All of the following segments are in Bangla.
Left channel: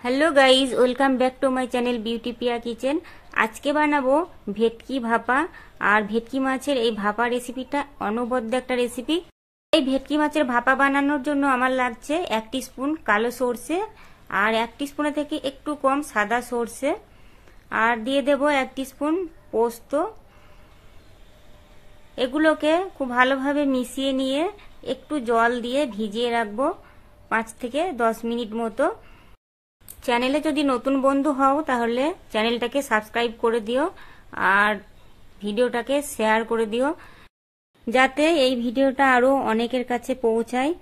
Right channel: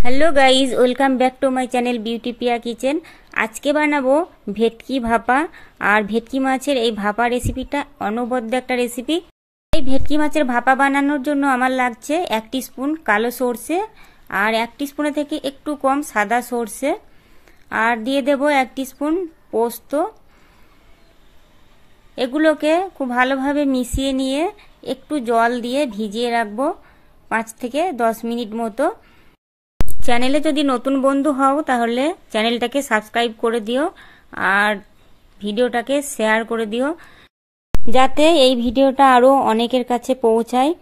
Hello guys welcome back to my channel beauty Piya kitchen. आज के बानाबो भेटकी भापा और भेटकी माछेर এই ভাপা রেসিপিটা অনবদ্য একটা রেসিপি। এই ভেটকি মাছের ভাপা বানানোর জন্য আমার লাগছে 1 টিস্পুন কালো সরষে আর 1 টিস্পুনের থেকে একটু কম সাদা সরষে আর দিয়ে দেব 1 টিস্পুন পোস্ত। এগুলোকে খুব ভালোভাবে মিশিয়ে নিয়ে একটু জল দিয়ে ভিজিয়ে রাখবো 5 থেকে 10 মিনিট মতো। চ্যানেলে যদি নতুন বন্ধু হও তাহলে চ্যানেলটাকে সাবস্ক্রাইব করে দিও আর ভিডিওটাকে শেয়ার করে দিও যাতে এই ভিডিওটা আরো অনেকের কাছে পৌঁছায়।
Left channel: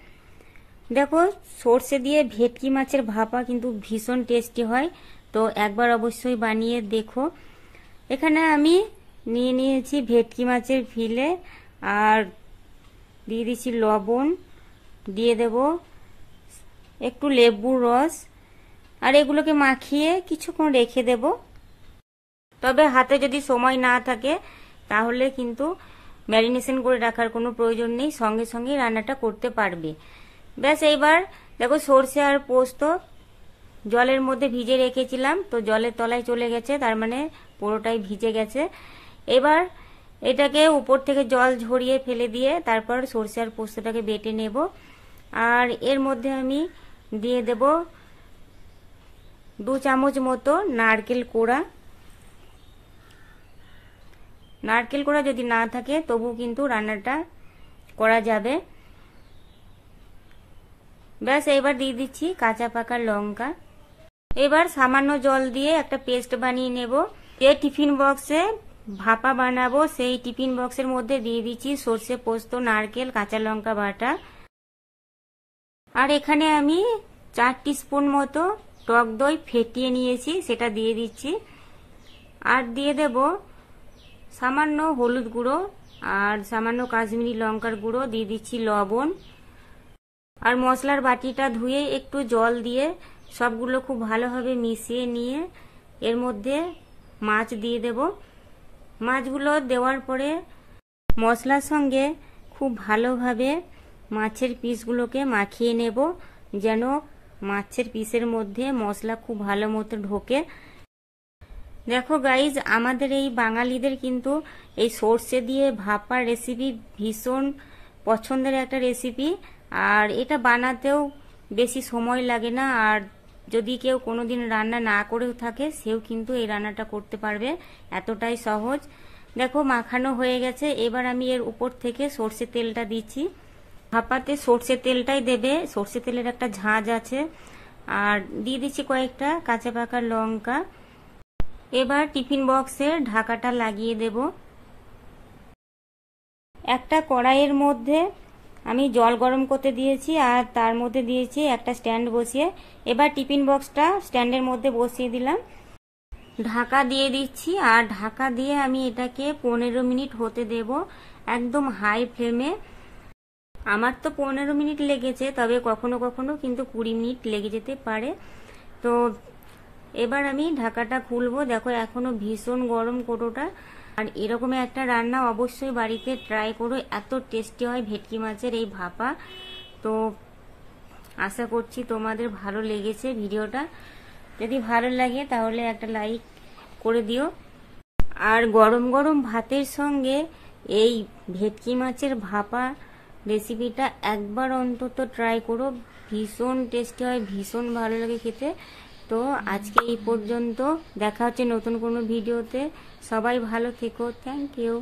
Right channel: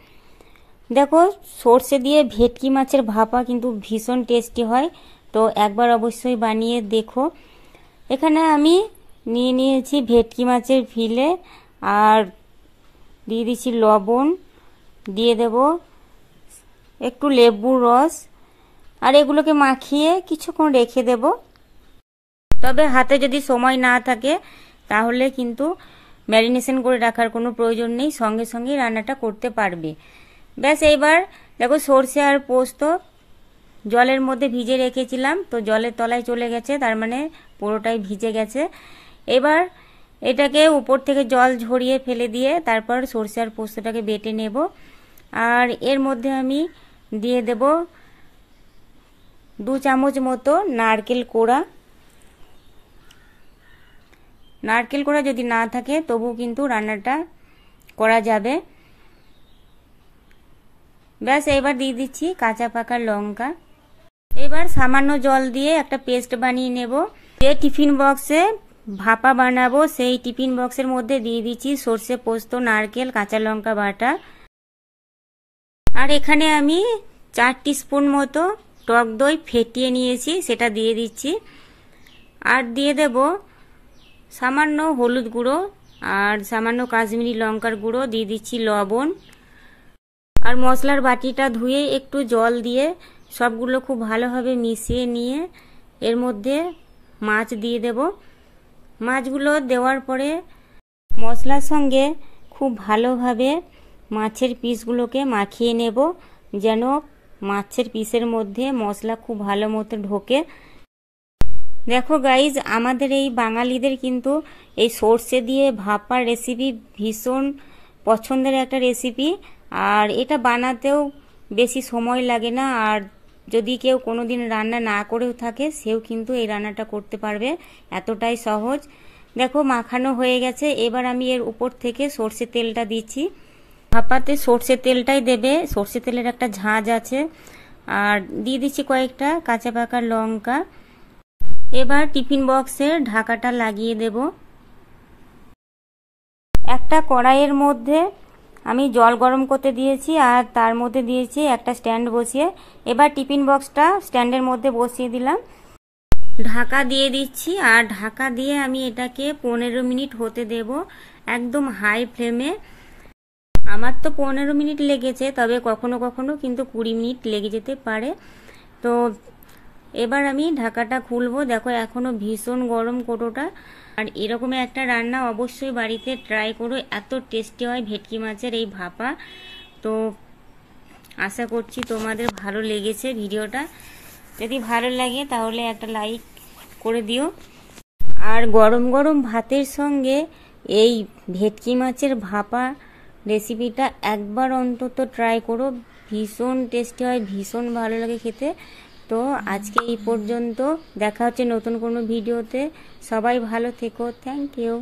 দেখো সরষে দিয়ে ভেটকি মাছের ভাপা কিন্তু ভীষণ টেস্টি হয়, তো একবার অবশ্যই বানিয়ে দেখো। এখানে আমি নিয়ে নিয়েছি ভেটকি মাছের ফিলে আর দিয়ে দিচ্ছি লবণ, দিয়ে দেব একটু লেবুর রস আর এগুলোকে মাখিয়ে কিছুক্ষণ রেখে দেব। তবে হাতে যদি সময় না থাকে তাহলে কিন্তু ম্যারিনেশন করে রাখার কোনো প্রয়োজন নেই, সঙ্গে সঙ্গে রান্নাটা করতে পারবে। ব্যাস এইবার দেখো সরষে আর পোস্ত জলের মধ্যে ভিজে রেখেছিলাম, তো জলের তলায় চলে গেছে, তার মানে পুরোটাই ভিজে গেছে। এবার এটাকে উপর থেকে জল ঝরিয়ে ফেলে দিয়ে তারপর সরষে আর পোস্তটাকে বেটে নেব। আর এর মধ্যে আমি দিয়ে দেব 2 চামচ মতো নারকেল কোড়া। নারকেল কোড়া যদি না থাকে তবু কিন্তু রান্নাটা করা যাবে। ব্যাস এবার দিয়ে দিচ্ছি কাঁচা পাকা লঙ্কা। এবার সামান্য জল দিয়ে একটা পেস্ট বানিয়ে নেব। যে টিফিন বক্সে ভাপা বানাবো সেই টিফিন বক্সের মধ্যে দিয়ে দিচ্ছি সরষে পোস্ত নারকেল কাঁচা লঙ্কা বাটা। আর এখানে আমি 4 টিস্পুন মতো টক দই ফেটিয়ে নিয়েছি, সেটা দিয়ে দিচ্ছি। আর দিয়ে দেব সামান্য হলুদ গুঁড়ো আর সামান্য কাশ্মীরি লঙ্কার গুঁড়ো, দিয়ে দিচ্ছি লবণ। আর মশলার বাটিটা ধুয়ে একটু জল দিয়ে সবগুলো খুব ভালোভাবে মিশিয়ে নিয়ে এর মধ্যে মাছ দিয়ে দেব। মাছগুলো দেওয়ার পরে মশলার সঙ্গে খুব ভালোভাবে মাছের পিসগুলোকে মাখিয়ে নেব যেন মাছের পিসের মধ্যে মশলা খুব ভালো মতো ঢোকে। দেখো গাইজ আমাদের এই বাঙালিদের কিন্তু এই সরষে দিয়ে ভাপার রেসিপি ভীষণ পছন্দের একটা রেসিপি, আর এটা বানাতেও বেশি সময় লাগে না। আর যদি কেউ কোনোদিন রান্না না করেও থাকে সেও কিন্তু এই রান্নাটা করতে পারবে, এতটাই সহজ। দেখো মাখানো হয়ে গেছে, এবার আমি এর উপর থেকে সরষে তেলটা দিচ্ছি। ভাপাতে সরষে তেলটাই দেবে, সরষে তেলের একটা ঝাঁঝ আছে। আর দিয়ে দিচ্ছি কয়েকটা কাঁচা পাকা লঙ্কা। এবার টিফিন বক্সের ঢাকাটা লাগিয়ে দেব। একটা কড়াইয়ের মধ্যে আমি জল গরম করতে দিয়েছি আর তার মধ্যে দিয়েছি একটা স্ট্যান্ড বসিয়ে। এবার টিফিন বক্সটা স্ট্যান্ডের মধ্যে বসিয়ে দিলাম, ঢাকা দিয়ে দিচ্ছি। আর ঢাকা দিয়ে আমি এটাকে 15 মিনিট হতে দেব একদম হাই ফ্লেমে। আমার তো 15 মিনিট লেগেছে, তবে কখনো কখনো কিন্তু 20 মিনিট লেগে যেতে পারে। তো এবার আমি ঢাকাটা খুলবো। দেখো এখনো ভীষণ গরম কোটোটা। আর এরকম একটা রান্না অবশ্যই বাড়িতে ট্রাই করো, এত টেস্টি হয় ভেটকি মাছের এই ভাপা। তো আশা করছি তোমাদের ভালো লেগেছে ভিডিওটা। যদি ভালো লাগে তাহলে একটা লাইক করে দিও। আর গরম গরম ভাতের সঙ্গে এই ভেটকি মাছের ভাপা রেসিপিটা একবার অন্তত ট্রাই করো, ভীষণ টেস্টি হয়, ভীষণ ভালো লাগে খেতে। তো আজকে এই পর্যন্ত, দেখা হচ্ছে নতুন কোনো ভিডিওতে। সবাই ভালো থেকো, থ্যাংক ইউ।